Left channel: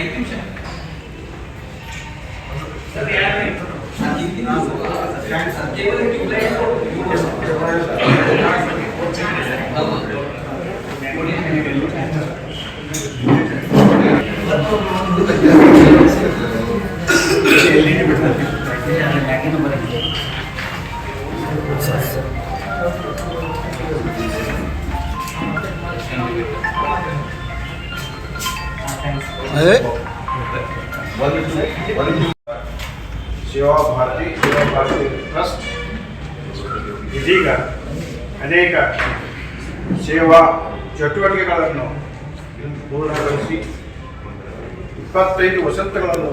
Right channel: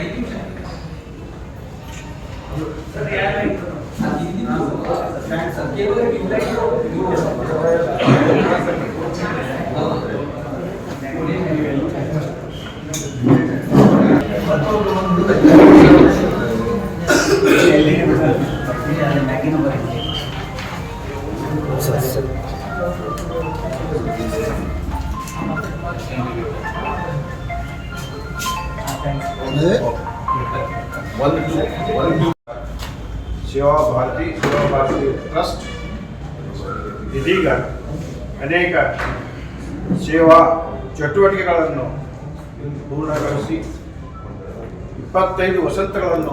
Thank you sir sir यार ना होगा सर केवल एक ट्यूबलाइट तो ಸೇವಾ ಭಾರತಿ ಸೇವಾ ಭಾರತಿ ಟ್ರಸ್ಟ್. ಇದೀಗ ಅನೇಕ ಸೇವಾ ಚಟುವಟಿಕೆಗಳನ್ನು ಪೂರ್ಣಗೊಳಿಸಿ ಇಪ್ಪತ್ತೈದು ವಸಂತಗಳನ್ನು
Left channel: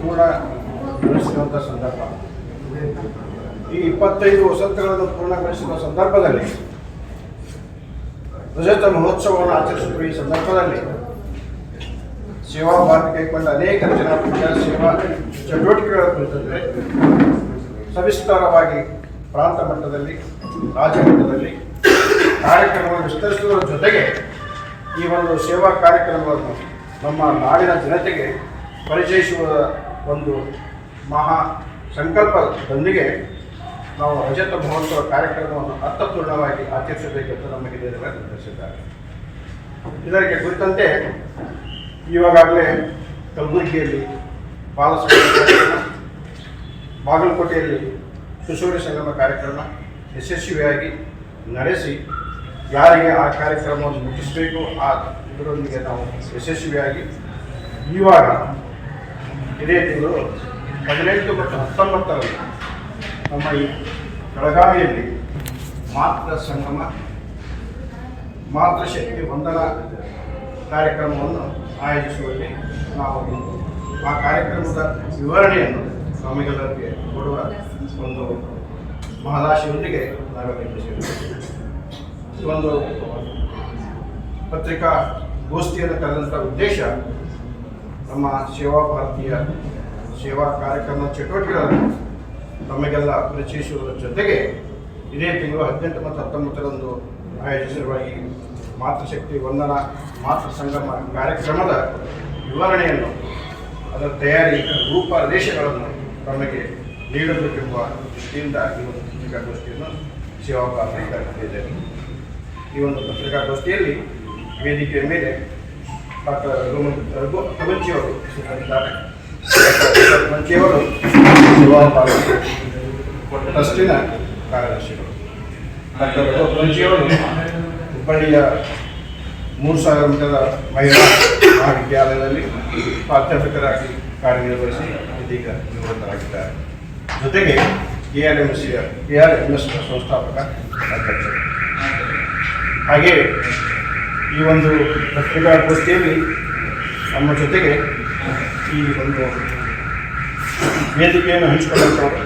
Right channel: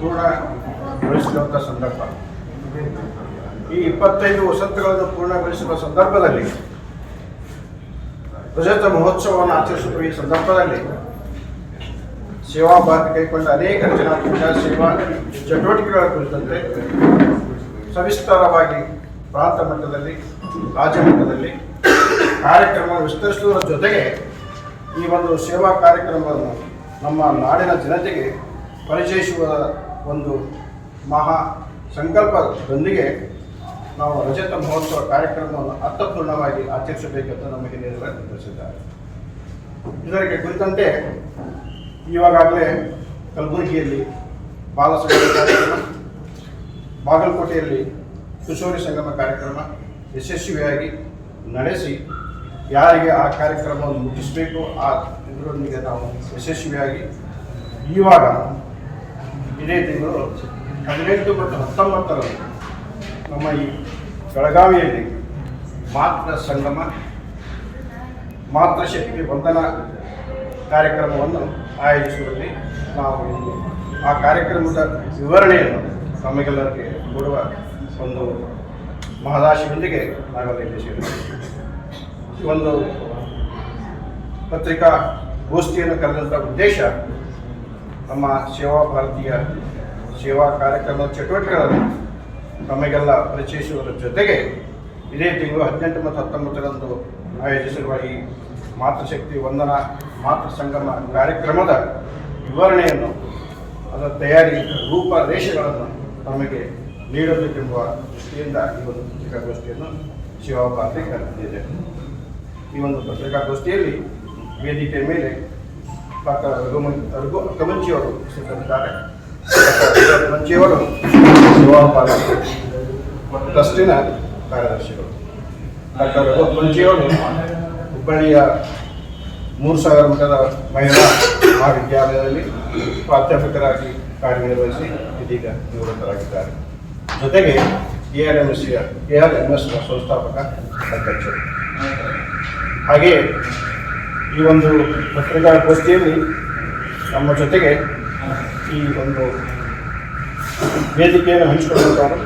ಪೂರ್ಣಗೊಳಿಸಿದಂಥ ಸಂದರ್ಭ. ಈ ಇಪ್ಪತ್ತೈದು ವಸಂತಗಳನ್ನು ಪೂರ್ಣಗೊಳಿಸುವ ಸಂದರ್ಭದಲ್ಲಿ ರಜತ ಮಹೋತ್ಸವವನ್ನು ಆಚರಿಸುತ್ತಿರುವ ಈ ಸಂದರ್ಭದಲ್ಲಿ ಸೇವಾ ಭಾರತಿ ಕೈಗೊಂಡ ಅನೇಕ ರಚನಾತ್ಮಕ ಸೇವಾ ಚಟುವಟಿಕೆಗಳ ಕುರಿತಂತೆ ಸವಿಸ್ತಾರವಾಗಿ ಪ್ರಾಂತ ಮಟ್ಟದಲ್ಲಿ, ರಾಜ್ಯ ಮಟ್ಟದಲ್ಲಿ ಕಾರ್ಯಕ್ರಮವನ್ನು ವಿಸ್ತರಿಸುವ ಜೊತೆಗೆ ಈ ಒಂದು ಸೇವಾ ಕಾರ್ಯಕ್ರಮವನ್ನು ನಮ್ಮ ನಾಡಿನ ಜನತೆಗೆ ಪರಿಚಯಿಸುವ ಒಂದು ಮಹಾ ಸಂಕಲ್ಪದೊಂದಿಗೆ ನಾವು ರಜತ ಮಹೋತ್ಸವ ಕಾರ್ಯಕ್ರಮವನ್ನು ಅರ್ಥಪೂರ್ಣವಾಗಿ ಆಚರಿಸಬೇಕೆಂದು ನಮಗೆ ನಿರ್ಧಾರ ತಿಳಿಸಿದ್ದಾರೆ ಇದಕ್ಕೆ ಕುರಿತಂತೆ ಇವಾಗಲೇ ಕಲಬುರಗಿಯಲ್ಲಿ ಬಾಲಸಂಗಮ ಬಾಗಲಕೋಟೆಯಲ್ಲಿ ಕಿಶೋರಿ ಸಂಗಮ ಕಾರ್ಯಕ್ರಮ ಯಶಸ್ವಿಯಾಗಿ ನಡೆಸಿ ಯಾರಿಗೆ ಆ ಕಾರ್ಯಕ್ರಮವನ್ನು ಮುಟ್ಟಿಸಬೇಕು, ಆ ಇದರೊಂದಿಗೆ ನಾವು ಯಶಸ್ವಿಯಾಗಿ ಇವಾಗ ಇದೇ ತಿಂಗಳು ಹದಿನೆಂಟು ಮತ್ತು ಹತ್ತೊಂಬತ್ತರಲ್ಲಿ ನಮ್ಮ ಈ ಬೆಳಗಾವಿಯಲ್ಲಿ ಮಾತೃ ಸಂಗಮ ಮಾತೃಶಕ್ತಿ ವಂದನಾ ಕಾರ್ಯಕ್ರಮವನ್ನು ಆಯೋಜಿಸುವಲ್ಲಿ ನಾವು ಆ ಕಾರ್ಯಕ್ರಮದ ವಿವರಣೆಯನ್ನು ನಮಗೆಲ್ಲರಿಗೆ ಕೊಡುವ ಒಂದು ಮಹದಾಶಿಯೊಂದಿಗೆ ನಾವೆಲ್ಲ. ಒಂದು ಪತ್ರಿಕಾ ಗೋಷ್ಠಿಯನ್ನು ಕರೆದಂಥ ಉದ್ದೇಶ ನಮ್ಮ ಸೇವಾ ಭಾರತೀಯ ಸೇವಾ ಕಾರ್ಯಕ್ರಮದ ಚಟುವಟಿಕೆಗಳನ್ನು ನಮಗೆಲ್ಲ ಪರಿಚಯಿಸುವುದರ ಜೊತೆಗೆ ಇದೇ ತಿಂಗಳು ಹದಿನೆಂಟು ಮತ್ತು ಹತ್ತೊಂಬತ್ತರಂದು ಆಯೋಜಿಸಿರುವ ಈ ಮಾತೃಶಕ್ತಿ ವಂದನಾ, ಮಾತೃ ಸಂಗಮ ಕಾರ್ಯಕ್ರಮದ ವಿವರಣೆಯನ್ನು ಅದರ ತಯಾರಿ ರೂಪರೇಷೆಗಳನ್ನು ನಮಗೆ ನೀಡಬೇಕೆಂಬ ದೃಷ್ಟಿಯಿಂದ ಈ ಒಂದು ಪತ್ರಿಕಾಗೋಷ್ಠಿಯನ್ನು ಶಿವಭಾರತಿ ಕರೆದಿದ್ದೇನೆ. ಈ ಒಂದು ಪತ್ರಿಕಾಗೋಷ್ಠಿಯಲ್ಲಿ ವೇದಿಕೆಯ ಮೇಲೆ ಡಾಕ್ಟರ್ ರಘುಮನ್, ರಘು ಕವಂಚಿಯವರು ಉಪಸ್ಥಿತರಿದ್ದಾರೆ ಡಾಕ್ಟರ್ ಶಿವಭಾರತಿ ಟ್ರಸ್ಟಿನ ಕಾರ್ಯದರ್ಶಿಗಳು. ಡಾಕ್ಟರ್ ರಘು ಕವಂಚಿಯವರು ಹುಬ್ಬಳ್ಳಿಯ ಮೂರು ಸಾವಿರ ಮಠದ ಮಹಿಳಾ ಮಹಾವಿದ್ಯಾಲಯದಲ್ಲಿ ಪ್ರಾಧ್ಯಾಪಕರಾಗಿ ಕಾರ್ಯನಿರ್ವಹಿಸಿ ಇದೀಗ ನಿವೃತ್ತರಾಗಿದ್ದಾರೆ. ಜೊತೆಗೆ A R M S A R M S ಸಂಸ್ಥಾಪಕ ಅಧ್ಯಕ್ಷರು. ಹಾಗೆ ಈ ಒಂದು ಪತ್ರಿಕಾಗೋಷ್ಠಿಯಲ್ಲಿ ನಮ್ಮ ಜೊತೆಗೆ ಈ ಒಂದು ವೇದಿಕೆಯನ್ನು ಹಂಚಿಕೊಳ್ಳುತ್ತಾರೆ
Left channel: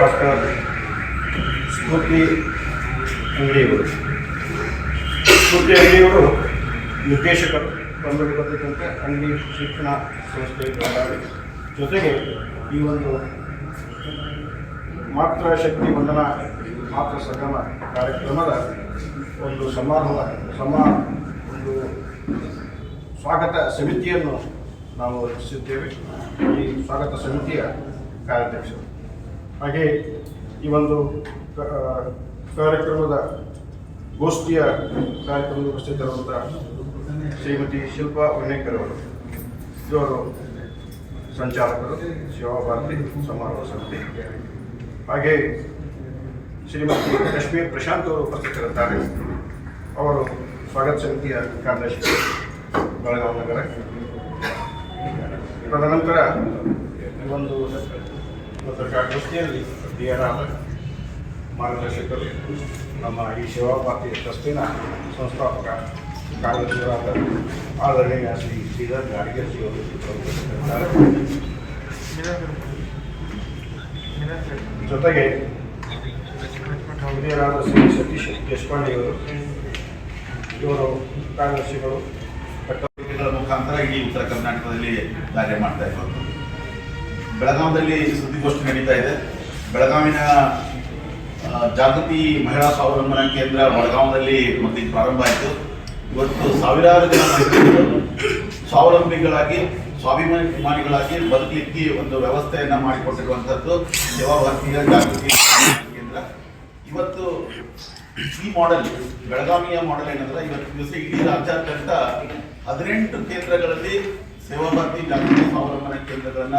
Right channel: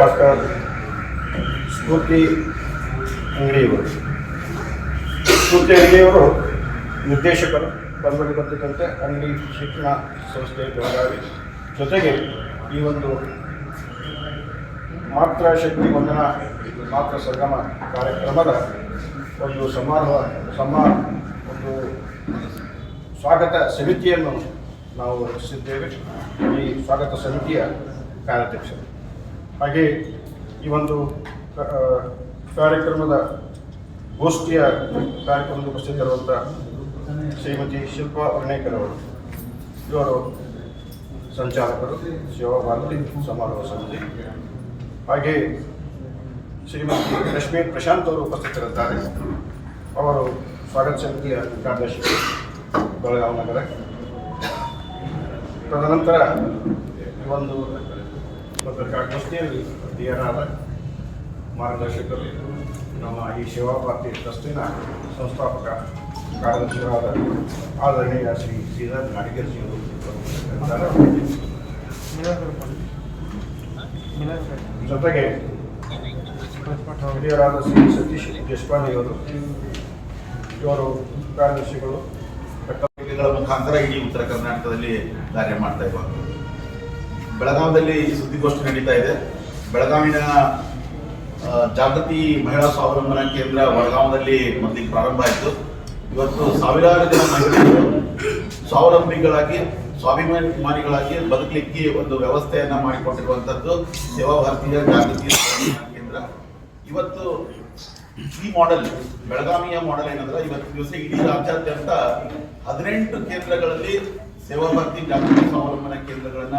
ಡಾಕ್ಟರ್ ಸ್ಫೂರ್ತಿ ಅಂಗಡಿಯವರು ಸ್ಫೂರ್ತಿ ಅಂಗಡಿಯವರು ನಿರ್ದೇಶಕರು ಕಂಡುಕೊಂಡಿದ್ದಂತೆ ಅಂಗಡಿ ಶಿಕ್ಷಣ ಸಂಸ್ಥೆ ಬೆಳಗಾವಿ. ಜೊತೆಗೆ ಈ ಒಂದು ಮಾತೃ ಶಕ್ತಿ ವಂದನಾ ಮಾತೃ ಸಂಗಮ ಕಾರ್ಯಕ್ರಮದ ಒಂದು ಸಮಾರೋಹ ಸಮ ಒಂದು ಸ್ವಾಗತ ಸಮಿತಿಯನ್ನು ನಾವು ರಚಿಸಿದ್ದೇವೆ. ಈ ಸ್ವಾಗತ ಸಮಿತಿಯ ಕಾರ್ಯಾಧ್ಯಕ್ಷರು. ಹಾಗೆ ಈ ಒಂದು ಕಾರ್ಯಕ್ರಮದ ಗೋಷ್ಠಿಯ ಕಾರ್ಯಕ್ರಮದ ಉಪಸ್ಥಿತರಾದಂಥ ಶ್ರೀಮತಿ ಶಿಲ್ಪಾ ವಿನಾಯ್ಕರ್ ಅವರು, ಇವರು ಸಂಚಾಲಕರು, ಸೇವಾ ಭಾರತಿ ಸಮಾರೋಹ ಸಮಿತಿ. ಹಾಗೆ ಶ್ರೀಮತಿ ಲಕ್ಷ್ಮಿ ಪ್ರಶಾಂತ್ ಅವರು ಉಪಸ್ಥಿತರಿದ್ದಾರೆ ಅವರು ಸ್ವಾಗತ ಸಮಿತಿಯ ಕಾರ್ಯದರ್ಶಿ, ಬೆಳಗಾವಿ ನಗರ. ತದನಂತರ ಒಂದು ಪತ್ರಿಕಾಗೋಷ್ಠಿಯಲ್ಲಿ ಹಿರಿಯರಾದ ಮಾರ್ಗದರ್ಶಕರು, ನಮ್ಮ ಈ ಸೇವಾ ಭಾರತಿ ಟ್ರಸ್ಟಿನ ಸಂಸ್ಥಾಪಕ ಕಾರ್ಯದರ್ಶಿಗಳಾದ ಆದರಣೀಯ ಶ್ರೀ ಶ್ರೀಧರ್ ಅವರು ಉಪಸ್ಥಿತರಿದ್ದಾರೆ. ಜೊತೆಗೆ ಹಿರಿಯರಾದ ಶ್ರೀ ಸತೀಶ್ ದೇಶಪಾಂಡೆಯವರು ಇವರು ಕಾರ್ಯದರ್ಶಿಗಳು ಗಳ ಮುಖಾಂತರ ಇಡೀ ಉತ್ತರ ಕರ್ನಾಟಕದಲ್ಲಿ ಕಾರ್ಯ ಮಾಡ್ತಾ ಇರುವಂಥದ್ದು ಬೆಳಗಾವಿಯಲ್ಲಿ ಸುದ್ದಿಗೋಷ್ಠಿ ನಡೀತಾ ಇದೆ ಬೆಳಗಾವಿನ ಜಾಗೃತಿ ಮಹಿಳಾ ಸ್ವಾವಲಂಬನಾ ಕೇಂದ್ರ ಬೆಳಗಾವಿನಲ್ಲಿ ಮೊದಲಿಗೆ ಪ್ರಾರಂಭ ಆಯಿತು. ಇವತ್ತು ಸಾವಿರಾರು ಜನ ಮಹಿಳೆಯರು ಸ್ವಾವಲಂಬಿಗಳಾಗಿ, ಸ್ವಾಭಿಮಾನಿಗಳಾಗಿ ಬದುಕಲಿಕ್ಕೆ ಒಂದು ವ್ಯವಸ್ಥೆಯನ್ನು ಮಾಡಿಕೊಟ್ಟಿರುವಂಥದ್ದು ಸೇವಾ ಭಾರತೀಯ ಜಾಗೃತಿ ಕೇಂದ್ರ. ಇವತ್ತು ಈ ಮಾಡೆಲ್ ಬೆಳಗಾವಿಯ ಮಾಡೆಲ್ ಏನಂದ್ರೆ ಇವತ್ತು ದಿವಸ ಇಡೀ ರಾಜ್ಯಾದ್ಯಂತ ಹದಿನೆಂಟು ಕೇಂದ್ರಗಳಲ್ಲಿ ಸೇವಾ ಭಾರತಿ ಜಾಗೃತಿ ಸ್ವಾವಲಂಬನ ಕೇಂದ್ರಗಳನ್ನ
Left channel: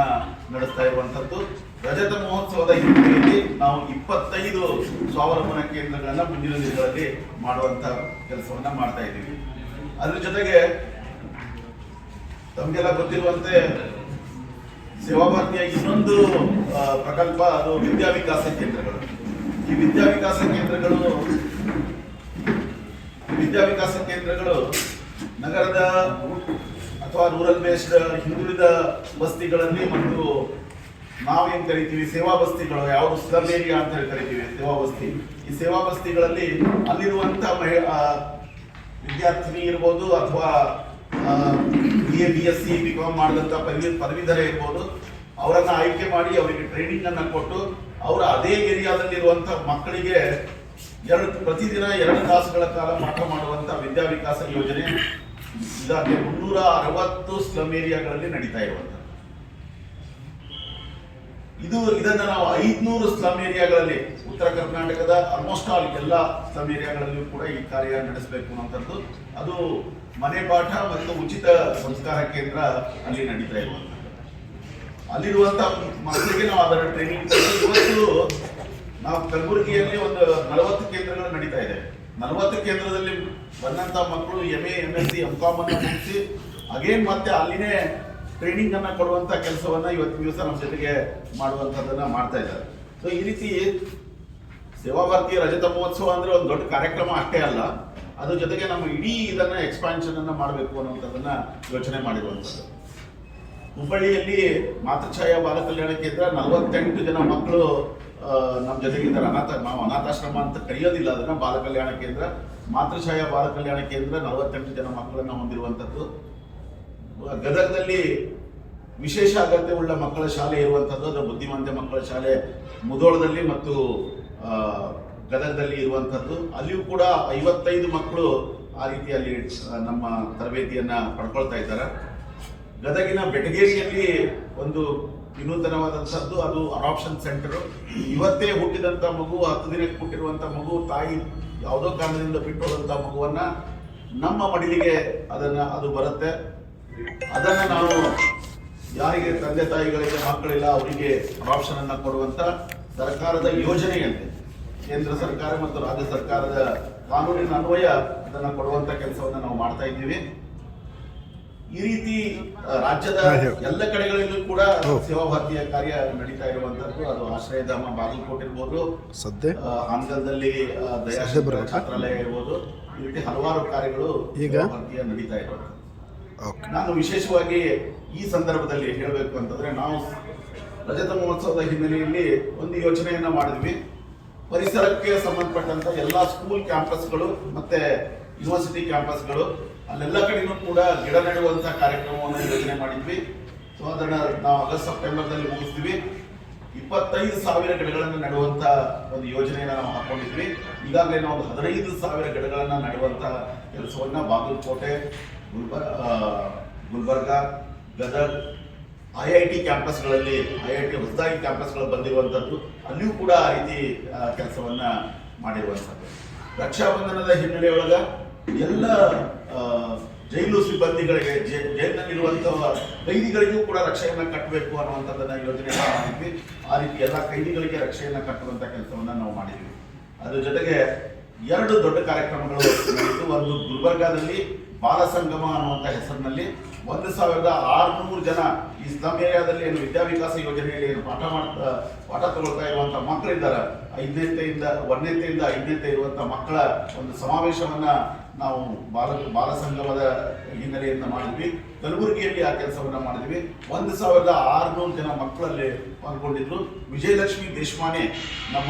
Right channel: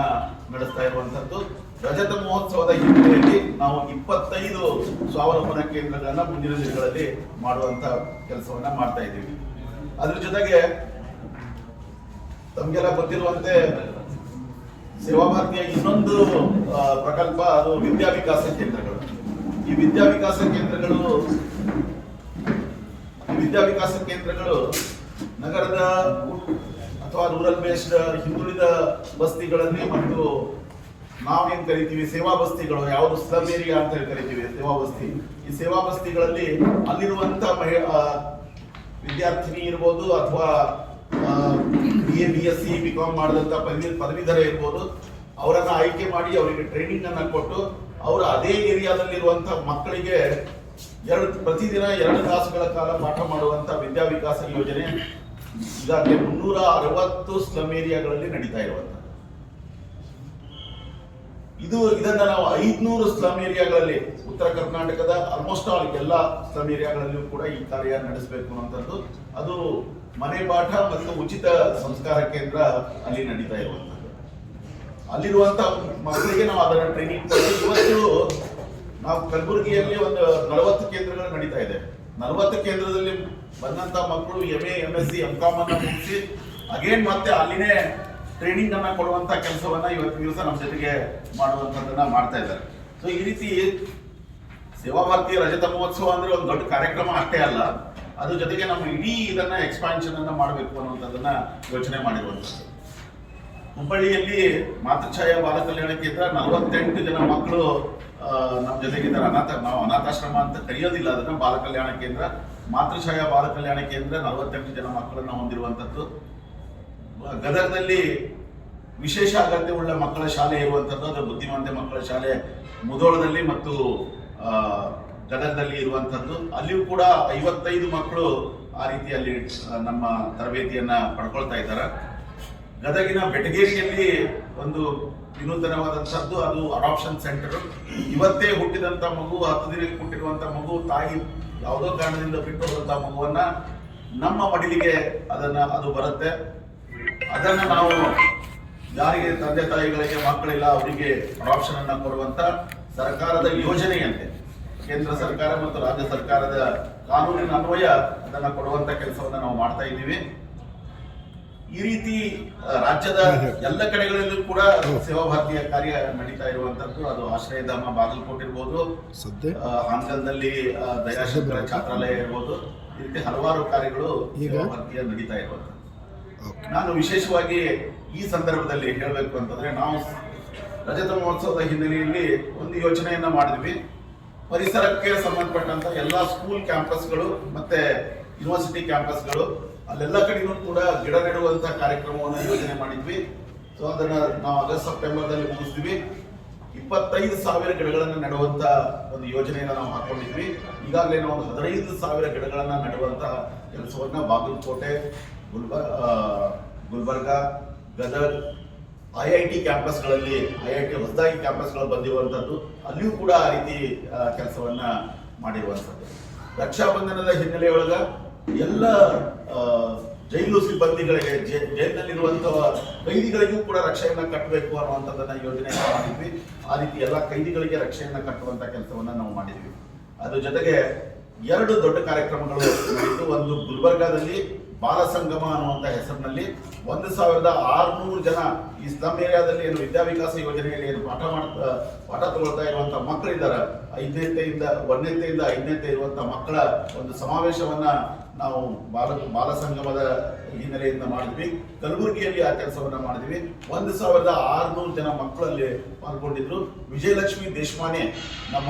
ನಡೆಸ್ತಾ ಇರುವಂತದ್ದು. ರಜತ ಮಹೋತ್ಸವದ ಹಿನ್ನೆಲೆಯಲ್ಲಿ ನಾವು ಇಪ್ಪತ್ತೈದು ಸ್ವಾವಲಂಬನ ಕೇಂದ್ರಗಳನ್ನ ಮುಂದಿನ ದಿನಗಳಲ್ಲಿ ಮಾಡುವಂತ ಕೆಲಸವನ್ನ ಮಾಡ್ತಾ ಇದ್ದೀವಿ. ಅದ್ರ ಜೊತೆಗೆ ತಮಗೆಲ್ಲ ಗೊತ್ತಿರುವಂತೆ ಸೇವಾ ಇನ್ನೊಂದು ಪ್ರಕಲ್ಪ ಅದು ವಿದ್ಯಾವಿಕಾಸ ಕೇಂದ್ರಗಳು. ಈ ವಿದ್ಯಾವಿಕಾಸ ಕೇಂದ್ರಗಳು ವಿದ್ಯಾವಿಕಾಸ ಕೇಂದ್ರಗಳು ನಗರದ ಅಥವಾ ರೂರಲ್ ಬೇಸ್ಡ್ ಹಿಂದುಳಿದ ಬಸ್ತಿಗಳಲ್ಲಿ ಮತ್ತು ನಾವೇನ್ ಕರಿತೀವಿ? ಸೇವಾ ಬಸ್ತಿಗಳು ಯಾವುದು ಸ್ಲಮ್ ಏರಿಯಾ ಅಂತ ಹೇಳಿ ಕರಿತೀವಿ ಸೇವಾ ಬಸ್ತಿ ಈ ಸೇವಾ ಬಸ್ತಿಗಳಲ್ಲಿ ಅಲ್ಲಿರುವಂತ ಮಹಿಳಾ ವಿದ್ಯಾರ್ಥಿನಿ ಇರ್ಬೋದು ಅಥವಾ B A B S C B Com ಮಾಡಿದಂತ ಪದವಿ, ಪದವೀಧರ ಇರ್ಬೋದು, ಅವರನ್ನ ಆಯ್ಕೆ ಮಾಡಿ ಅವರಿಗೆ ಟ್ರೈನಿಂಗ್ ಅನ್ನ ಕೊಟ್ಟು ಅವರ ಅದೇ ಏರಿಯಾದಲ್ಲಿರುವಂತ ಮಕ್ಕಳಿಗೆ ಎರಡು, ಪ್ರತಿದಿನ ಎರಡು ತಾಸುಗಳ ಕಾಲ ಪಾಠ ಮಾಡುವಂತ ವಿದ್ಯಾವಿಕಾಸ ಯೋಜನೆ ಈಗಾಗಲೇ ಮುನ್ನೂರ ಅರವತ್ತು ಸ್ಲಮ್ ಏರಿಯಾಗಳಲ್ಲಿ ನಡೀತಾ ಇರುವಂತ ಇದು ಇದನ್ನ ನಾವು ಐದ್ನೂರು ಸ್ಲಮ್ ಏರಿಯಾಗಳಲ್ಲಿ ಉತ್ತರ ಕರ್ನಾಟಕದ ಆಲ್ಮೋಸ್ಟ್ ಆಲ್ ಎಲ್ಲ ಸ್ಲಮ್ ಏರಿಯಾಗಳಲ್ಲಿಯೂ ಕೂಡ ಈ ಕಾರ್ಯ ನಡೆಸಬೇಕು ಅನ್ನೋಂಥದ್ದು ಅದು ಮನೆ ಪಾಠ ಮತ್ತು ಉಚಿತ ಸಂಸ್ಕಾರ ಕೇಂದ್ರ ಅಲ್ಲಿ ನಡೀತಾ ಇರುವಂಥದ್ದು. ಅಲ್ಲಿರುವಂತ ಮಕ್ಕಳಿಗೆ ನಾವು ಅದರ ಟ್ರೈನಿಂಗ್ ಇವತ್ತು ನಾವು ಕಲಬುರಗಿಯಲ್ಲಿ ಒಂದು ನಲವತ್ತು ಕೇಂದ್ರಗಳು ನಡೀತಾ ಇದೆ. ನಲವತ್ತು ಕೇಂದ್ರದಲ್ಲಿ ಬಂದಂತ ಮಕ್ಕಳು M A M S C M Com ಅನ್ನು ಮುಗಿಸಿ ಅಗೇನ್ ಮತ್ತೆ ಅಲ್ಲಿನೇ ಟ್ರೈನಿಂಗ್ ಅನ್ನ ಕೊಡುವಂತ ಕೆಲಸವನ್ನ ಇವತ್ತಿನ ದಿವಸ ನಮ್ಮ ಜೊತೆಗೆ ಮಾಡುವಂತದ್ದನ್ನ ಮಾಡ್ತಾ ಇದ್ದಾರೆ. ಸೊ ಈ ರೀತಿ ಸೇವಾ ಭಾರತೀಯ ರಜತ ಮಹೋತ್ಸವ ಅಂದ್ರೆ ಒಂದು ದೊಡ್ಡ ಕಾರ್ಯಕ್ರಮ ಅಷ್ಟೇ ಅಲ್ಲ, ಅದ್ರ ಜೊತೆಗೆ ನಮ್ಮ ಇಡೀ ಇದನ್ನ ಎಕ್ಸ್ಪಾನ್ಷನ್ ಅನ್ನ ಮಾಡಬೇಕು ಅನ್ನುವಂಥದ್ದನ್ನ ಯೋಚನೆ ಮಾಡಿರುವಂತದ್ದು ಹುಬ್ಬಳ್ಳಿಯಲ್ಲಿ ಮಾತೃಛಾಯಾ ಬಾಲ ಕಲ್ಯಾಣ ಕೇಂದ್ರ ನಲವತ್ತೆಂಟು ಜನ ಮಕ್ಕಳು ನಮ್ಮ ಜೊತೆಗಿದ್ದಾರೆ. ಅನಾಥ, ನಾವು ಅನಾಥಾಶ್ರಮ ಅಂತ ಕರೆಯೋದಿಲ್ಲ, ಅದನ್ನ ಬಾಲ ಕಲ್ಯಾಣ ಕೇಂದ್ರ. ಮಾತೃಛಾಯಾ ಬಾಲ ಕಲ್ಯಾಣ ಕೇಂದ್ರ ನಲವತ್ತೆಂಟು ಜನ ಮಕ್ಕಳನ್ನ ಹೊಂದಿರುವಂತದ್ದು ಗದಗದಲ್ಲಿ ವಿಶೇಷ ಉಳ್ಳ ಮಕ್ಕಳ ಶಾಲೆ ಇರುವಂಥದ್ದು ಅದು ಬುದ್ಧಿಮಾಂದ್ಯ ಮಕ್ಕಳ ಶಾಲೆ ಮುದೋಳದಲ್ಲಿ ಮತ್ತು ಗದಗದಲ್ಲಿ ಇರುವಂತದ್ದು. ಅಲ್ಲಿಯೂ ಕೂಡ ಐವತ್ತೈದು ಮಕ್ಕಳು ಆ ರೀತಿಯಲ್ಲಿ ನಮ್ಮ ತರಬೇತಿಯನ್ನ ಪಡ್ಕೊಳ್ತಾ ಇದ್ದಾರೆ. ಗದಗಿನ ಬೆಟಗೇರಿಯಲ್ಲಿ ಒಂದು ವಿನೂತನವಾದಂಥದ್ದು ಅದು ಅಡಾಪ್ಷನ್ ಸೆಂಟರ್ ಇವತ್ತೇ ಹುಟ್ಟಿದಂತ ಮಗು, ಹತ್ತು ದಿನಕ್ಕೆ ಹುಟ್ಟಿರುವಂತ ಮಗು, ತಾಯಿ ಯಾವುದೋ ಕಾರಣದಿಂದ ಬಿಟ್ಟು ಹೋದಂಥ ಮಗುವನ್ನ ನಮ್ಮ ಮಡಿಲಿಗೆ ಅದನ್ನ, ಅದು ಬರುತ್ತೆ. ಅದನ್ನ ನಾವು ಯಾರಿಗೆ ತಂದೆ ತಾಯಿಗಳಿಗೆ ಮಕ್ಕಳಿಲ್ಲ ಅವರಿಗೆ ಅಡಾಪ್ಷನ್ ಅನ್ನ ಕೊಡುವಂತ ಸರ್ಕಾರದ ಯೋಜನೆಯಂತೆ ಕೇಂದ್ರ ಸರ್ಕಾರ ಮತ್ತು ರಾಜ್ಯ ಸರ್ಕಾರದ ಕಾನೂನಿನ ಅನ್ವಯ ಅದನ್ನು ಕೊಡುವಂತ ಕೆಲಸವನ್ನು ನಾವು ಮಾಡ್ತಾ ಇದ್ದೀವಿ. ಈ ರೀತಿ ರಾಜ್ಯದ ಎಲ್ಲ ಕಡೆಗಳಲ್ಲೂ ಕೂಡ ಸೇವಾ ಭಾರತೀಯ ಕಾರ್ಯ ನಡೀತಾ ಇರುವಂತದ್ದು. ಅದು ಆಶ್ರಯಧಾಮ ಬಾಗಲಕೋಟೆ ಇರ್ಬೋದು ಹಾನಗಲ್ದಲ್ಲಿ ಸದ್ಯ ಛಾತ್ರಾಲಯ ಇರ್ಬೋದು ಈ ರೀತಿ ಹಲವಾರು ಕಾರ್ಯಗಳು ಈಗ? ನಡೀತಾ ಇರುವಂತದ್ದು. ನಾನು ವಿಶೇಷವಾಗಿ ಈ ಸಂದರ್ಭದಲ್ಲಿ ಹೇಳಬೇಕು ಅಂತಂದ್ರೆ ನಾವು ರಜತ ಮಹೋತ್ಸವದ ಹಿನ್ನೆಲೆಯಲ್ಲಿ ಒಂದು ಯೋಚನೆಯನ್ನು ಮಾಡಿದ್ವಿ. ಪರಿಸರಕ್ಕೆ ಸಂಬಂಧಪಟ್ಟಂತ ಎಲ್ಲಾ ಸ್ಕೂಲ್ ಕ್ಯಾಂಪಸ್ಗಳು ಮತ್ತೆ ಯೂನಿವರ್ಸಿಟಿ ಕ್ಯಾಂಪಸ್ಗಳು ಅಲ್ಲೆಲ್ಲ ಕಡೆನೂ ಕೂಡ ಗಿಡ ನೆಡುವಂಥ ಕಾರ್ಯಕ್ರಮವನ್ನು ಯೋಜನೆ ಮಾಡಿದ್ವಿ. ಸೊ ಅದನ್ನ ನಾವು ಆಗಸ್ಟ್ ಸೆಪ್ಟೆಂಬರ್ದಲ್ಲಿ ಮುಗಿಸ್ತೀವಿ. ಇಪ್ಪತ್ತೈದು ಸಾವಿರ ಗಿಡಗಳನ್ನು ನೆಡುವಂಥ ಒಂದು ಯೋಜನೆಯನ್ನು ನಾವು ಹಾಕೊಂಡಿದ್ವಿ. ಈಗಾಗಲೇ ನಾವು ಒಂದು ಹದಿನೈದು ಸಾವಿರ ಗಿಡಗಳನ್ನು ನೆಡುವಂಥ ಕೆಲಸವನ್ನ Bagalkote ಗುಲ್ಬರ್ Gulbarga, Gadag I I T ಕ್ಯಾಂಪಸ್ಗಳಲ್ಲಿ I I T ಹೊಸದಾಗಿ ಕ್ಯಾಂಪಸ್ಗಳು ಬಂದಿರುವಂಥದ್ದು ಅಲ್ಲಿಯೂ ಕೂಡ ಆ ರೀತಿ ಕೆಲಸವನ್ನು ಮಾಡಿರುವಂಥದ್ದು ರಕ್ಷಾಬಂಧನದ ಹಿನ್ನೆಲೆಯೊಳಗೆ ಎಲ್ಲ ಜೈಲು ಸಿಬ್ಬಂದಿಗಳಿಗೆ ಜೈಲಿನಲ್ಲಿರುವಂತಹ ಕೈದಿಗಳಿಗೂ ಕೂಡ ರಕ್ಷೆಯನ್ನ ಕಟ್ಟಬೇಕು ಅನ್ನುವಂಥದ್ದನ್ನ ಯೋಜನೆ ಮಾಡಿದ್ವಿ. ಆ ರೀತಿ ಎಲ್ಲ ಕೈದಿಗಳಿಗೆ ರಕ್ಷೆಯನ್ನ ಕಟ್ಟುವಂತ ಕೆಲಸವನ್ನ ನಾವು ಮಾಡಿದ್ವಿ. ಅದ್ರ ಜೊತೆಗೆ ಎರಡು ದೊಡ್ಡ ಕಾರ್ಯಕ್ರಮಗಳು ಒಂದು ಗುಲ್ಬರ್ಗಾದಲ್ಲಿ ಬಾಲ ಅನ್ನುವಂಥ ಹೆಸರಿನಲ್ಲಿ ಒಂದು ಸಾವಿರದ ಆರುನೂರು ಜನ ಈ ಸ್ಲಮ್ ಏರಿಯಾದಲ್ಲಿ ಏನು ವಿದ್ಯಾವಿಕಾಸ ಯೋಜನೆಯಲ್ಲಿ ಏನು ಪಾಠ ಮಾಡ್ತಾ, ಪಾಠ ತಗೊಳ್ತಾ ಇರುವಂಥ ಮಕ್ಕಳಿದ್ದಾರೆ. ಐದನೇತೆಯಿಂದ, ಒಂದನೇತೆಯಿಂದ ಐದನೇತೆ ಇರುವಂಥ ಮಕ್ಕಳ ಒಂದು ಸಮಾವೇಶವನ್ನ ನಾವು ಬಾಲ ಬಾಲ ಸಂಗಮದ ಹಿನ್ನೆಲೆಯಿಂದ ಮಾಡಿದ್ವಿ. ಕಲಬುರಗಿಯಲ್ಲಿ ಆ ಕೆಲಸವನ್ನು ಮಾಡಿದ್ವಿ. ಒಂದು ಸಾವಿರದ ಆರುನೂರು ಜನ ಮಕ್ಕಳಲ್ಲಿ ಪಾಲ್ಗೊಂಡಿದ್ರು. ವಿಜಯಲಕ್ಷ್ಮಿ ದೇಶಮಾನೆ ನಮ್ಮ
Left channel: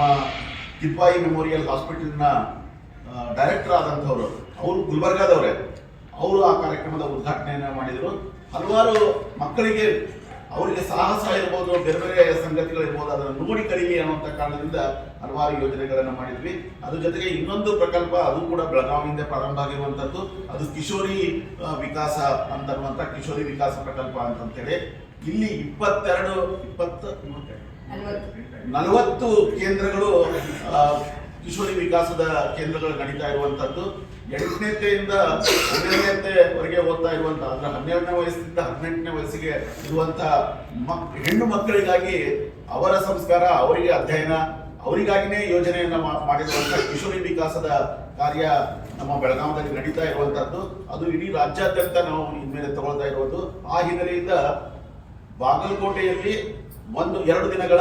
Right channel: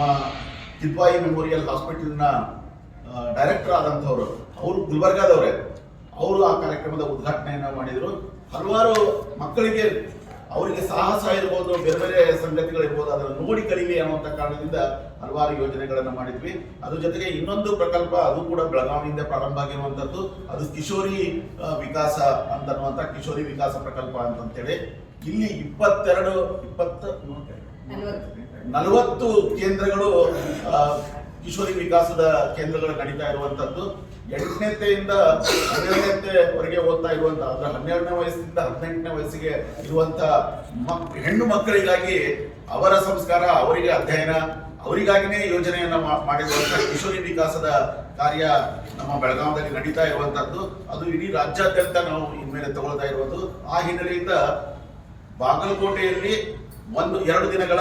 ಕಿದ್ವಾಯಿ ಮೆಮೋರಿಯಲ್ ಹಾಸ್ಪಿಟಲ್ನ ಡೈರೆಕ್ಟರ್ ಆದಂಥವ್ರು. ಅವರು ಗುಲ್ಬರ್ಗಾದವರೇ. ಅವರು ಆ ಕಾರ್ಯಕ್ರಮದ ಉದ್ಘಾಟನೆಯನ್ನು ಮಾಡಿದ್ರು. ಹಲವಾರು ಮಕ್ಕಳಿಗೆ ಅವರಿಗೆ ಸಾಹಸ ಇರ್ಬೋದು ಬೇರೆ ಬೇರೆ ಸಂಗತಿಗಳಿರ್ಬೋದು ಅದನ್ನು ನೋಡಿ ಕಲಿಯಲಿ ಅನ್ನುವಂಥ ಕಾರಣದಿಂದ ಹಲವಾರು ಯೋಜನೆಗಳನ್ನು ಮಾಡಿದ್ವಿ. ಅದ್ರ ಜೊತೆಗೆ ಇನ್ನೊಂದು ಪ್ರಕಲ್ಪ ಅದು ಕೂಡ ಬೆಳಗಾವಿಯಿಂದ ಪ್ರಾರಂಭ ಆಗಿರುವಂತದ್ದು. ಅದು ಕಿಶೋರಿ ವಿಕಾಸ ಅಂತನ್ನುವಂಥ ಕಿಶೋರಿ ವಿಕಾಸ ಪ್ರಕಲ್ಪ ಅಂತಂತೇಳಿ ಇಲ್ಲಿ ಇಪ್ಪತ್ತೆರಡು ಇಪ್ಪತ್ತು ನಲವತ್ತು. ಕೇಂದ್ರಗಳು ಕಿಶೋರಿ ವಿಕಾಸದ ಕೇಂದ್ರಗಳು ನಡೀತಾ ಇರುವಂತದ್ದು. ಎಂಟನೇತೆಯಿಂದ ಹನ್ನೆರಡನೇತೆವರೆಗೆ ಓದ್ತಾ ಇರುವಂತ, ಅಂದ್ರೆ ಹನ್ನೆರಡನೇ ವಯಸ್ಸಿಂದ ಹದಿನೆಂಟನೇ ವಯಸ್ಸಿಗೆ ಇರುವಂತ ಮಕ್- ಹೆಣ್ಣು ಮಕ್ಕಳಿಗಾಗಿ ಅವರ ಸಂಸ್ಕಾರ, ಅವರಿಗೆ ಅಧ್ಯಯನ, ಅವರಿಗಾಗಿನೇ ಯೋಜನೆಯನ್ನ ಮಾ- ಮಾಡಿರುವಂತ ಕಿಶೋರಿ ವಿಕಾಸದ ಕಾರ್ಯ ನಮ್ಮ ಬೆಳಗಾವಿಯಲ್ಲಿ ನಡೀತಾ ಇರುವಂತದ್ದು. ಅದು ಇಡೀ ರಾಜ್ಯಾದ್ಯಂತ ನಾವು ಇನ್ಮೇಲೆ ತಗೊಳ್ತಾ ಇರುವುದು. ಆ ಹಿನ್ನೆಲೆಯಿಂದ ಬಾಗಲಕೋಟೆಯಲ್ಲಿ ಒಂದು, ಎರಡು ದಿನಗಳ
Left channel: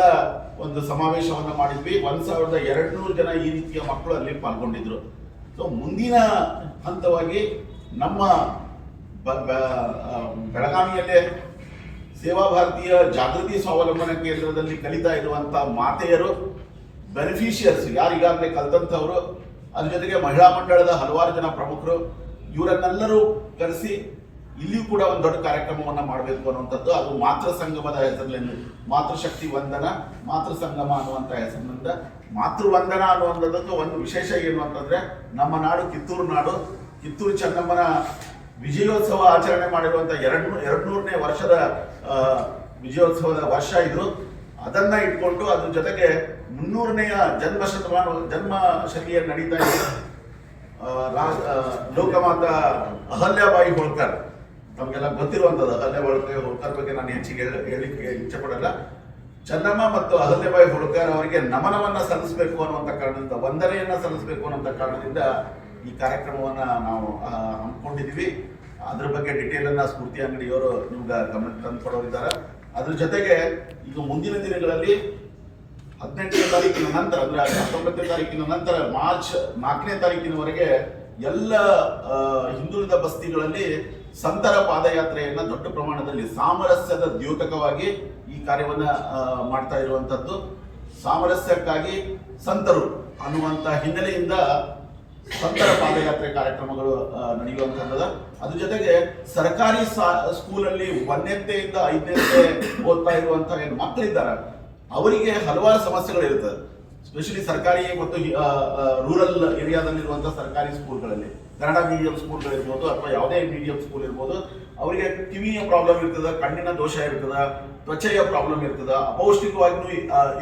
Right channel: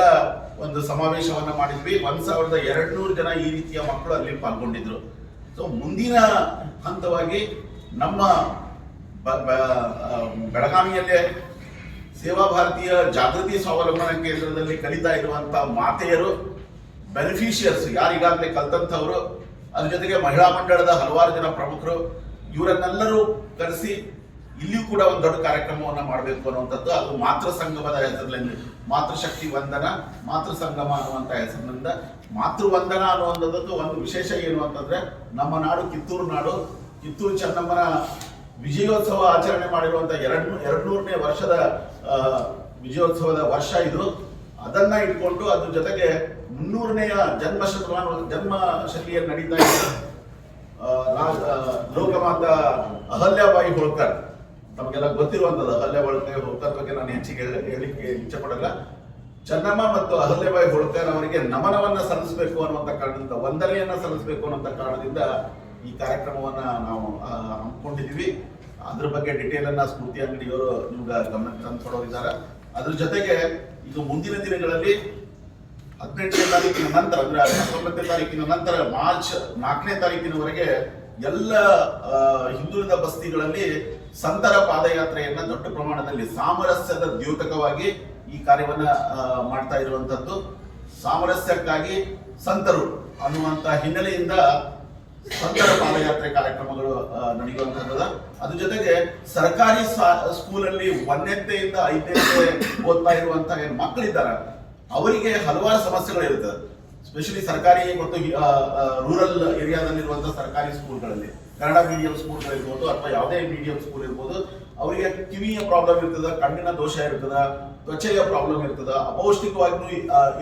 ಒಂದು ಸಮಾವೇಶವನ್ನ ಮಾಡಿದ್ವಿ. ಒಂದ್ ಸಾವಿರದ ಎರಡ್ ನೂರು ಜನ ಈ ರೀತಿಯ ಮಕ್ಕಳು ಅಲ್ಲಿ ಪಾಲ್ಗೊಂಡಿದ್ರು. ಸೊ ಮುಂದಿನ ಹಂತವಾಗಿ ನಮ್ಮ ಬೆಳಗಾವಿಯಲ್ಲೇ ಸೇವಾ ಭಾರತೀಯ ಜಾಗೃತಿ ಸ್ವಾವಲಂಬನ ಕೇಂದ್ರದಲ್ಲಿ ಕಲಿತಾ ಇರುವಂತ ಮಾತೆಯರು ಬೆನಿಫಿಷಿಯರ್ಸ್ ಯಾರಿಗಾಗಲೇ ಕಲ್ತಂಥವರು, ಅದ್ರ ಜೊತೆಗೆ ಮಹಿಳಾ ಮಂಡಳದ ಹಲವಾರು ಜನ ಪ್ರಮುಖರು, ಇವರನ್ನೆಲ್ಲರೂ ಕರೆಸಿ ಇಲ್ಲಿಯೂ ಕೂಡ ಒಂದು ದೊಡ್ಡ ಕಾರ್ಯಕ್ರಮವನ್ನು ಮಾಡಬೇಕು ಅನ್ನುವಂಥದ್ದು. ಅದು ಮಾತೃ ಸಂಗಮದ ಹೆಸರಿನಲ್ಲಿ ಮಾತೃಶಕ್ತಿ ವಂದನ, ಮಾತೃ ಸಂಗಮ ಅನ್ನುವಂಥ ಹೆಸರಿನಿಂದ ಮಾತೃ ವಂದನ ಅನ್ನುವಂಥದ್ದಕ್ಕೆ ಒಂದು ವಿಶೇಷ ಏನು ಅಂತಂದ್ರೆ ನಮ್ಮ ನಾಡು ಕಿತ್ತೂರು ನಾಡು. ಕಿತ್ತೂರು ಚೆನ್ನಮ್ಮನ ವಿಜಯೋತ್ಸವ ಆಚರಣೆ ಮಾಡಿರುವಂತ ಎರಡು ಎರಡ್ನೂರನೇ ವರ್ಷದ ವಿಜಯೋತ್ಸವದ ವರ್ಷ ಇದು. ಅದನ್ನ ಇಟ್ಕೊಂಡು ಅದ್ರ ಜೊತೆಗೆ ಮುನ್ನೂರನೆಯ ಜನ್ಮ ಶತಮಾನ ಜನ್ಮ ಶೈಲಿಯಲ್ಲಿ ನಡೀತಾ ಇದೆ ಲೋಕಮಾತ ಅಹಲ್ಯಾಬಾಯಿ ಹೋಳ್ಕರ್. ನಮಗೆಲ್ಲ ಗೊತ್ತಿರುವಂತದ್ದು ಅಹಲ್ಯಾಬಾಯಿ ಹೋಳ್ಕರ್ ಬಗ್ಗೆ ನಾನು ಹೆಚ್ಚಿಗೆ ಹೇಳಿಕೆ ಇಚ್ಛೆ ಪಡಲ್ಲ ಚೆನ್ನಮ್ಮ ಮತ್ತು ಅಹಲ್ಯಬಾಯಿ ಹೋಳ್ಕರ್ ಅವರಿಗೆ ನಮನವನ್ನ ಸಲ್ಲಿಸಬೇಕು ಅನ್ನುವಂಥ ಕಾರಣದಿಂದ, ವಂದನೆಯನ್ನ ಸಲ್ಲಿಸಬೇಕು ಅನ್ನುವಂಥ ಕಾರಣದಿಂದ ಈ ಕಾರ್ಯಕ್ರಮವನ್ನ ನಾವು ಹಮ್ಮಿಕೊಂಡಿದ್ವಿ ಅದ್ರ ಬಗ್ಗೆ ಡಿಟೇಲ್ ಅನ್ನ ಸ್ಮೃತಿ ಅಂಗಡಿಯವರು ನಿಮ್ಗೆ ಗಮನಕ್ಕೆ ತಂದು ಕೊಡೋರಿದ್ದಾರೆ. ಅದ್ರ ಜೊತೆಗೆ ಇದು ಮುಂದಿನ ದಿನಗಳಲ್ಲಿ ಹದಿನೆಂಟನೇ ತಾರೀಕಿನ ನಂತರ, ಅಂದ್ರೆ ಹತ್ತೊಂಬತ್ತನೇ ತಾರೀಕಿನ ನಂತರ, ಮಾರ್ಚ್ ನಾಲ್ಕನೇ ತಾರೀಕಿನವರೆಗೆ ಎಲ್ಲ ಹಿಂದುಳಿದ ಬಸ್ತಿಗಳಲ್ಲಿ ಸಂತರ ಪಾದಯಾತ್ರೆಯನ್ನ ದೊಡ್ಡ ಪ್ರಮಾಣದಲ್ಲಿ ಸಾಮರಸ್ಯದ ದ್ಯೋತಕವಾಗಿ ಈ ಕಾರ್ಯವನ್ನ ಮಾಡ್ತಾ ಇರುವಂತದ್ದು. ಸಾಮರಸ್ಯಕ್ಕಾಗಿ ಸಂತರು ಅನ್ನುವಂತ ಹಿನ್ನೆಲೆಯಿಂದ ಸಂತರ ಪಾದಯಾತ್ರೆ ಕಾರ್ಯಕ್ರಮಗಳು ನಡೆಯುವಂತದ ಅದ್ರ ಜೊತೆಗೆ ಸರ್ಕಾರಿ ಸ್ಕೂಲಲ್ಲಿ ಒಂದನೇತೆಯಿಂದ ಐದನೆತ್ತೆ ಓದ್ತಾ ಇರುವಂತ ಏನು ಮಕ್ಕಳಿದ್ದಾರೆ, ಅವರಿಗೆ ಹಲವಾರು ಸಮಸ್ಯೆಗಳು ಇರ್ತದೆ ಸ್ಪೆಷಲಿ ಸರ್ಕಾರಿ ಮತ್ತು ರೂರಲ್ ಏರಿಯಾದಲ್ಲಿರುವಂತಹ ಸರ್ಕಾರಿ ಸ್ಕೂಲ್ಗಳಲ್ಲಿ ಕನ್ನಡ ಮೀಡಿಯಂ ಸ್ಕೂಲ್ಗಳಿರ್ಬೋದು ಅಥವಾ ಯಾವುದೇ ಮೀಡಿಯಂ ಸ್ಕೂಲ್ ಇರ್ಬೋದು, ಅವರಿಗೆ ಕಿವಿಯ ಪ್ರಾಬ್ಲಮ್ ಇರ್ತದ, ಕಣ್ಣಿನ ದೋಷ ಇರ್ತದ, ತ್ವಚೆಯ ಪ್ರಾಬ್ಲಮ್ ಇರ್ತದ, ಅಪೌಷ್ಟಿಕವಾಗಿಯೂ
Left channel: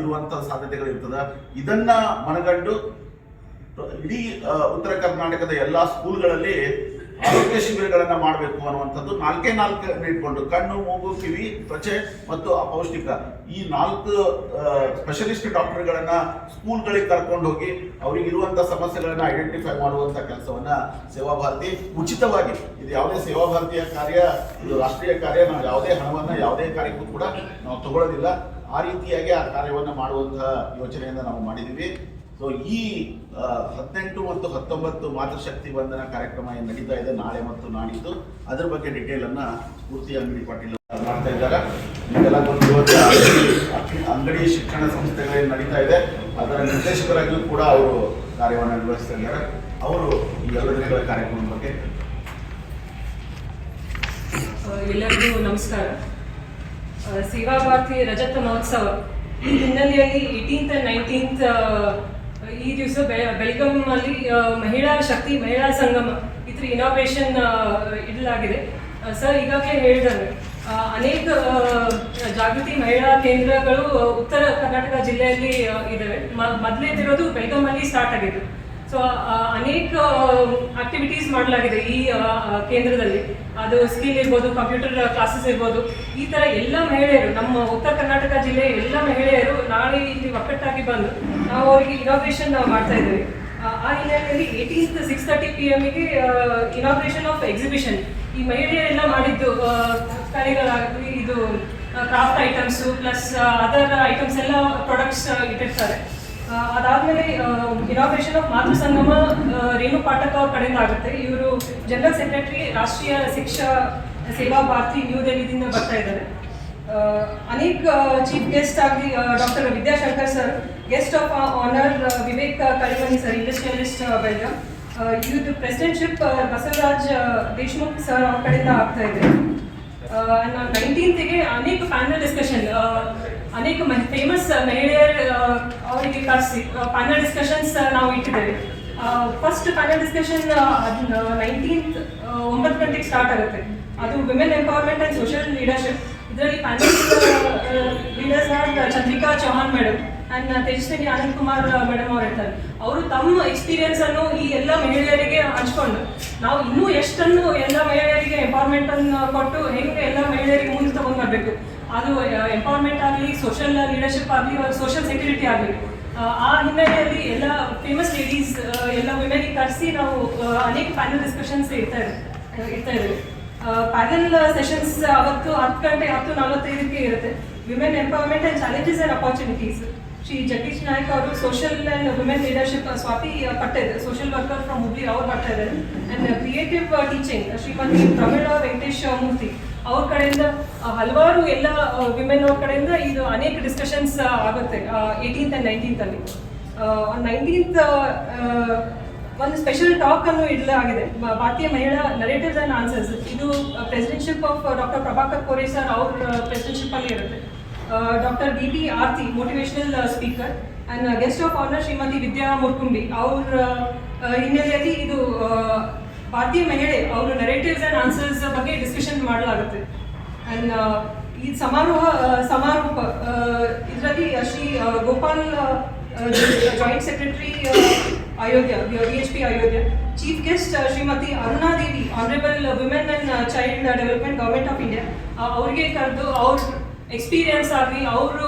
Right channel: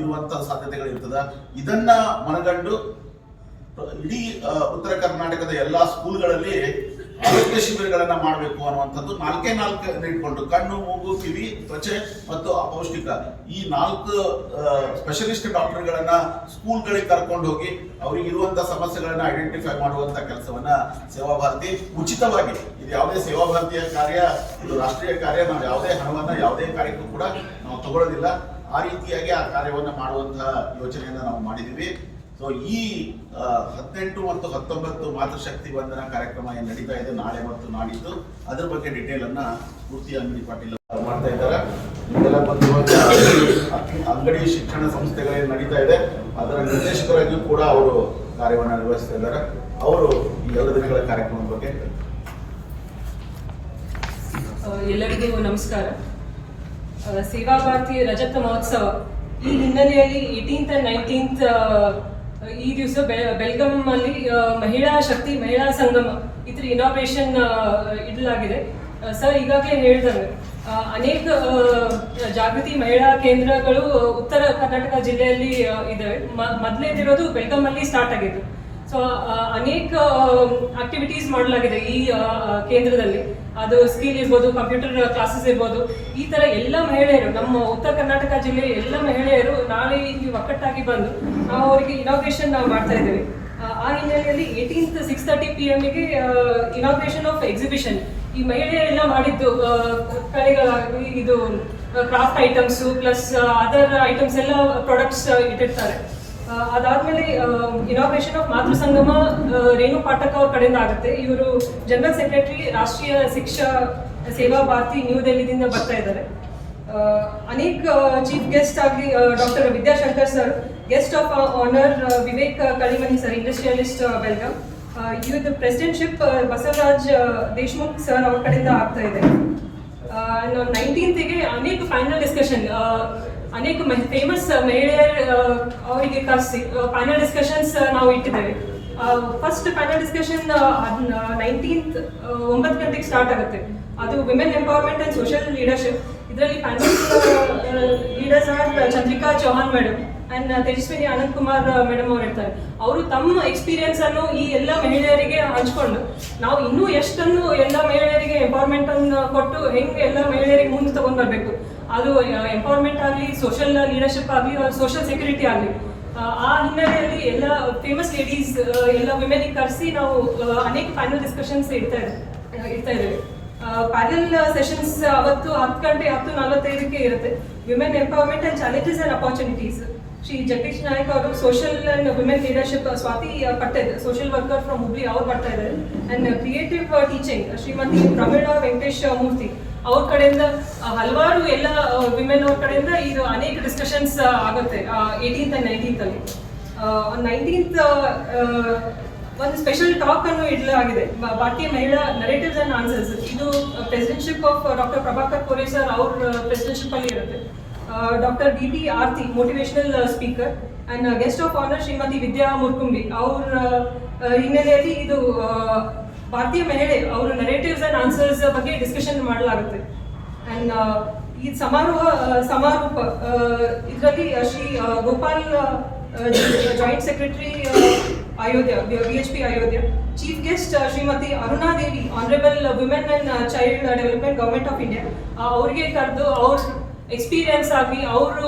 ಇರುವಂತಹ ಸಾಧ್ಯತೆಗಳು ಇರ್ತದ. ಇದನ್ನ ಮನಗಂಡು ಇಡೀ ಉತ್ತರ ಕರ್ನಾಟಕದ ಎಲ್ಲಾ ಸ್ಕೂಲ್ಗಳಲ್ಲಿ ಆರೋಗ್ಯ ಶಿಬಿರಗಳನ್ನ ಮಾಡಬೇಕು ಅನ್ನುವಂಥದ್ದು ನಾಲ್ಕೇ ನಾಲ್ಕು ಇಟ್ಕೊಂಡು ಕಣ್ಣು, ಮೂಗು, ಕಿವಿ, ತ್ವಚೆ ಮತ್ತು ಅಪೌಷ್ಟಿಕ ಈ ನಾಲ್ಕು ಸ್ಪೆಷಲಿಸ್ಟ್ ಡಾಕ್ಟರ್ಗಳನ್ನ ಸ್ಕೂಲ್ಗಳಿಗೆ ಕರ್ಕೊಂಡು ಹೋಗಿ ಅವ್ರಿಗೆ ಇರುವಂತ ಸಮಸ್ಯೆಗಳನ್ನ ಐಡೆಂಟಿಫೈ ಮಾಡುವಂತ ಕೆಲಸವನ್ನ ಸೇವಾ ಭಾರತಿ ಉಚಿತವಾಗಿ, ಇದು ಯಾವುದೇ ಸೇವಾ ಭಾರತೀಯ ಕಾರ್ಯ, ಇದು ರಾಷ್ಟ್ರೀಯ ಕಾರ್ಯ, ನಾವು ಯಾವುದೇ ಹಣವನ್ನ ಯಾವುದೇ ಕಾರ್ಯಕ್ಕೂ ಕೂಡ ನಾವು ತಗೊಳ್ಳೋದಿಲ್ಲ. ಆ ರೀತಿಯಾಗಿ ಆ ಕಾರ್ಯವನ್ನು ಮಾಡುವಂತಹ ಯೋಚನೆಯನ್ನು ನಾವು ಮಾಡಿದೀವಿ ಸೊ ಈ ಹದಿನೆಂಟು ಮತ್ತು ಹತ್ತೊಂಬತ್ತು ಮಾತೃಶಕ್ತಿ ವಂದನ ಕಾರ್ಯಕ್ರಮ ಏನು ನಡೀತಾ ಇದೆ, ನಾಳೆ ಮತ್ತು ನಾಡಿದ್ದು ಅದ್ರ ಬಗ್ಗೆ ಡಿಟೇಲ್ ಅನ್ನ ಸ್ಫೂರ್ತಿ ಅಂಗಡಿ ಪಾಟೀಲ್ ಮಾಡ್ತಾ ಇದ್ದಾರೆ. ಅಂಗಡಿ- ಶಿಕ್ಷಣ ಸಂಸ್ಥೆಗಳೇನು ನಡೀತಾ ಇದೆ. ಅದರ ನಿರ್ದೇಶಕರಾಗಿಯೂ ಕೂಡ ಅವರು ಕಾರ್ಯವನ್ನು ನಿರ್ವಹಿಸ್ತಾ ಇದ್ದಾರೆ. ಅವರು ಈ ಎರಡು ದಿನಗಳ ಕಾರ್ಯಕ್ರಮದ ಬಗ್ಗೆ ಎಲ್ಲರಿಗೂ ನಮಸ್ಕಾರ. ಸೇವಾ ಭಾರತಿ ರಜತ ಮಹೋತ್ಸವ. ಈ ಹಿನ್ನೆಲೆಯಲ್ಲಿ ಏಯ್ಟೀನ್ತ್ ಅಂಡ್ ನೈನ್ಟೀನ್ತ್ ಈ ದಿವಸ ಬೆಳಗಾಂ ಅಲ್ಲಿ ಮಹಿಳಾ ಶಕ್ತಿ, ಮಹಿಳಾ ಸಂಗಮ ಇದ್ರ ಇನಾಗ್ರೇಷನ್ ಇಡಲಾಗಿದೆ. ಸರ್ ಈಗಾಗಲೇ ಹೇಳಿದಂಗೆ ಅನೇಕ ಜಾಗೃತಿ ಮಹಿಳಾ ಕೇಂದ್ರಗಳು ಉತ್ತರ ಕರ್ನಾಟಕ ಜಿಲ್ಲೆಯಲ್ಲಿ ಇದಾವೆ. ಮೊದಲೇದಿರೋದು ಬೆಳಗಾಮಲ್ಲಿ ಸ್ಟಾರ್ಟ್ ಆಗಿದೆ ಸೊ ಅನೇಕ ಆಕ್ಟಿವಿಟೀಸ್ ಮಾಡಲಾಗಿದೆ ಈ ಆ, ಕೇಂದ್ರದಲ್ಲಿ. ಅದು ಸ್ಕಿಲ್ ಇರ್ಬೋದು ಕಂಪ್ಯೂಟರ್ ಕ್ಲಾಸಸ್ ಇರ್ಬೋದು. ಈ ತರ ಎಲ್ಲ ಮಹಿಳೆಯರು ನಮ್ಮ ಉತ್ತರ ಕರ್ನಾಟಕ ಜಿಲ್ಲೆಯ ಎಲ್ಲ ಮಹಿಳೆಯರು ನಾಳೆ ಇಲ್ಲಿ ಒಕ್ಕಟ್ಟಾಗಿ ಬಂದು ನಾವು ಅವರಿಗೆ ಇನಾಗ್ರೇಷನ್ ಮಾಡ್ತಾ ಇದ್ದೇವೆ. ಆ, ಹಿನ್ನೆಲೆಯಲ್ಲಿ ಏಯ್ಟೀನ್ತ್ ಸಿಕ್ಸ್ ತರ್ಟಿ ಪಿ ಎಮ್ಗೆ ಇನಾಗ್ರೇಷನ್ ಆಫ್ ಎಕ್ಸಿಬಿಷನ್ ಈ ಮಹಿಳೆಯರೆಲ್ಲ ಮಾಡಿದ್ದು ಕಲೆಗಳಾಗಲಿ ಇದು craft items plus other items ಎಲ್ಲ ಪ್ರಾಡಕ್ಟ್ಸ್ ಇಟ್ಟಿರ್ತಾರೆ. ಅದಾದ್ಮೇಲೆ ಇನಾಗ್ರೇಷನ್ ಆಫ್ ಮಾತೃ ಸಂಗಮ ರೇಣು ಪಾಠಕ್ ಅವ್ರ ಕಡೆಯಿಂದ ಆಗುತ್ತೆ. ಇವರು ಜನರಲ್ ಸೆಕ್ರೆಟರಿ ರಾಷ್ಟ್ರೀಯ ಶಿಕ್ಷಾ ಸೇವಾ ಭಾರತಿ ನ್ಯೂ ದೆಹಲಿದಿಂದ ಬರ್ತಾ ಇದ್ದಾರೆ. ಅನೇಕ ಚೀಫ್ ಗೆಸ್ಟ್ ಆಗಿ doctor Vidyashankar sir guest of honour Vivek Kalimani sir industrialist Belgaum ಇವ್ರದ್ದು ಪ್ರೆಸಿಡೆಂಟ್ಶಿಪ್ ಬಸವರಾಜ್ ದೇಶ್ಮುಖ್ ಸರ್ ಅವ್ರ ಕಡೆಯಿಂದ ಆಗ್ತಾ ಇದೆ. ನೈನ್ಟೀನ್ತ್ಗೆ ಅನೇಕ ಪ್ಯಾನಲ್ ಡಿಸ್ಕಷನ್ ಅನೇಕ ಫೇಮಸ್ ಮಹಿಳೆಯರ ಅವರಿಗೆ ಕರೆಸಿ ಫೈನಲ್ ಡಿಸ್ಕಷನ್ಸ್ ನಾವು ಇಟ್ಟಿದ್ದೇವೆ. ಫಸ್ಟ್ ಫೈನಲ್ ಡಿಸ್ಕಷನ್ ನೈನ್ಟೀನ್ತ್ ಒಂಬತ್ತು ಗಂಟೆಗೆ ಸ್ಟಾರ್ಟ್ ಆಗುತ್ತೆ. ಅದು women empowerment and social leadership ಇದರಲ್ಲಿ final leaders Chandrika Chauhan madam and Tejaswini Anant Kumar madam ಅವ್ರು ಇರ್ತಾರೆ. ಅವರು ತಮ್ಮ ಎಕ್ಸ್ಪೀರಿಯನ್ಸ್ ಅನ್ನು ಈ ಎಲ್ಲ ಮಹಿಳೆಯರಿಗೆ ಹಂಚ್ಕೊಂಡು, ನಾವು ಇನ್ನೂ ಎಷ್ಟನ್ನು ಎಲ್ಲ ಮಹಿಳೆಯರಿಗೆ ಎಂಪವರ್ಮೆಂಟ್ ಅನ್ನು ಕೊಟ್ಟು ಹೆಂಗೆ ಎಲ್ಲ ಮಹಿಳೆಯರಿಗೆ ಮುಂದೆ ತಗೊಂಡ್ ಬರ್ಬೇಕು. ಅದು ಎಂಪವರ್ಮೆಂಟ್ ಆಗಲಿ ಸೋಷಿಯಲ್ ಲೀಡರ್ಶಿಪ್ ಆಗಲಿ ಸೋಷಿಯಲ್ ಸೆಕ್ಯೂರಿಟಿ ಆಗಲಿ. ಆ ಹಿನ್ನೆಲೆಯಲ್ಲಿ ಎಲ್ಲ ಫೇಮಸ್ ಲೇಡೀಸ್ ಎಲ್ಲ ವಿಮೆನ್ ಕರೆಸಿ ನಾವು ಅನೇಕ ಪ್ಯಾನಲ್ ಡಿಸ್ಕಷನ್ಸ್ ಇಡ್ತಾ ಇಡ್ತಾ ಇದ್ದೀವಿ. ಪ್ಯಾನಲ್ ಸೆಷನ್ಸ್ ಅವತ್ತು ಹತ್ತು ಗಂಟೆ, ಹತ್ತು ನಲವತ್ತೈದಕ್ಕೆ ಇರುತ್ತೆ. Women empowerment and challenges and opportunities Shri Jagadish Nayak ಅವರು social and women leadership Swati Patte social worker from Hubli ಅವ್ರು ಬರ್ತಾ ಇದ್ದಾರೆ. And creative teaching Shrimati Tamila Venkatesh Murthy ಅವ್ರ ಕಡೆಯಿಂದ ಹಲವಾರು ಎಲ್ಲ ವಿಮೆನ್ ಅವ್ರ ಕಡೆಯಿಂದ ಇದು ಅನೇಕ ಡಿಸ್ಕಷನ್ಸ್ ಆಗುತ್ತೆ ಏಯ್ಟೀನ್ತ್ ಅಂಡ್ ನೈನ್ಟೀನ್ತ್ ಅಲ್ಲಿ. ನೈನ್ಟೀನ್ತ್ ಒಂದು ಸ್ಪೆಷಲ್ ಟಾಕ್ ಅನ್ನು ಇಡಲಾಗಿದೆ. ಭಾರತೀಯ ಮಹಿಳಾ ನರೇಟಿವ್ಸ್ ಅಂಡ್ ಆನ್ಸರ್ಸ್ ಇದು presidentship of doctor Prabhakar Kore sir ಅವ್ರ ಪ್ರೆಸಿಡೆನ್ಶಿಪ್ ಅಲ್ಲಿ ಇರುತ್ತೆ. Doctor D B Aarti motivational speaker and guest of honour Shrimati Vidya Murkumbi ಅವ್ರ ಹಿನ್ನೆಲೆಯಲ್ಲಿ ಇದು ಭಾರತೀಯ ಮಹಿಳೆ, ಅವರು ನೆರೇಟಿವ್ಸ್ ಅಂಡ್ ಆನ್ಸರ್ಸ್ ಬಗ್ಗೆ ಡಿಸ್ಕಷನ್ ಮಾಡಲಾಗುತ್ತೆ. ಅಂಡ್ ಈ ಸಮಾರೋಹ ಸಮಾರೋಪ ಇದರಲ್ಲಿ Shri Gopal joint secretary Ayodhya, V H P Ayodhya chief guest Shrimati Aruna Devi honourable women and child development government of India ಅವ್ರಿಗೆ ಕರೆದು ಅವ್ರ ಎಕ್ಸ್ಪೀರಿಯನ್ಸ್ ಆಗಲಿ, ಅವರು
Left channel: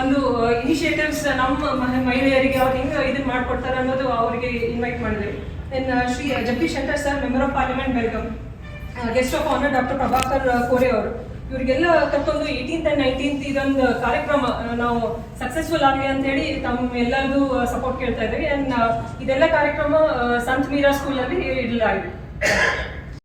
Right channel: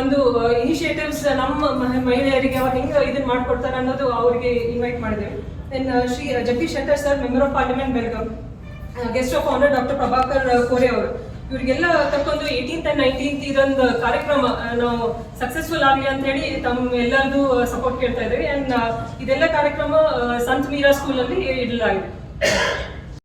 ಒಂದು ಇನಿಷಿಯೇಟಿವ್ಸ್ ನಮ್ಮ ಮಹಿ- ಮಹಿಳೆಯರಿಗೆ ಅವ್ರು ಹೆಂಗೆ ಇದನ್ನ ಮಾಡ್ಕೊಡ್ತಾರೆ ಅನ್ನೋದು ಅವ್ರಿಗೆ ಇನ್ವೈಟ್ ಮಾಡಿದೆ. Then Shri Jagadish Shankar sir member of parliament Belagavi guest of honour doctor Prabhakar Kore ಅವರು. ಇವರಿಗೆಲ್ಲ ಕರ್ಕೊಂಡು ಏಯ್ಟೀನ್ತ್ ಅಂಡ್ ನೈನ್ಟೀನ್ತ್ ಇದೊಂದು ಕಾರ್ಯಕ್ರಮ ಆ, ನಾವು ಸಕ್ಸಸ್ಫುಲ್ ಆಗಲಿ ಅಂತ ಹೇಳಿ ತಮ್ಮ ಎಲ್ಲರದು ಸಪೋರ್ಟ್ ಕೇಳ್ತಾ ಇದ್ದೀವಿ. ಅಂಡ್ ಇದೆಲ್ಲ ಕಾರ್ಯಕ್ರಮ ಸಂತ್ ಮೀರಾ ಸ್ಕೂಲಲ್ಲಿ ಇಡಲಾಗಿದೆ.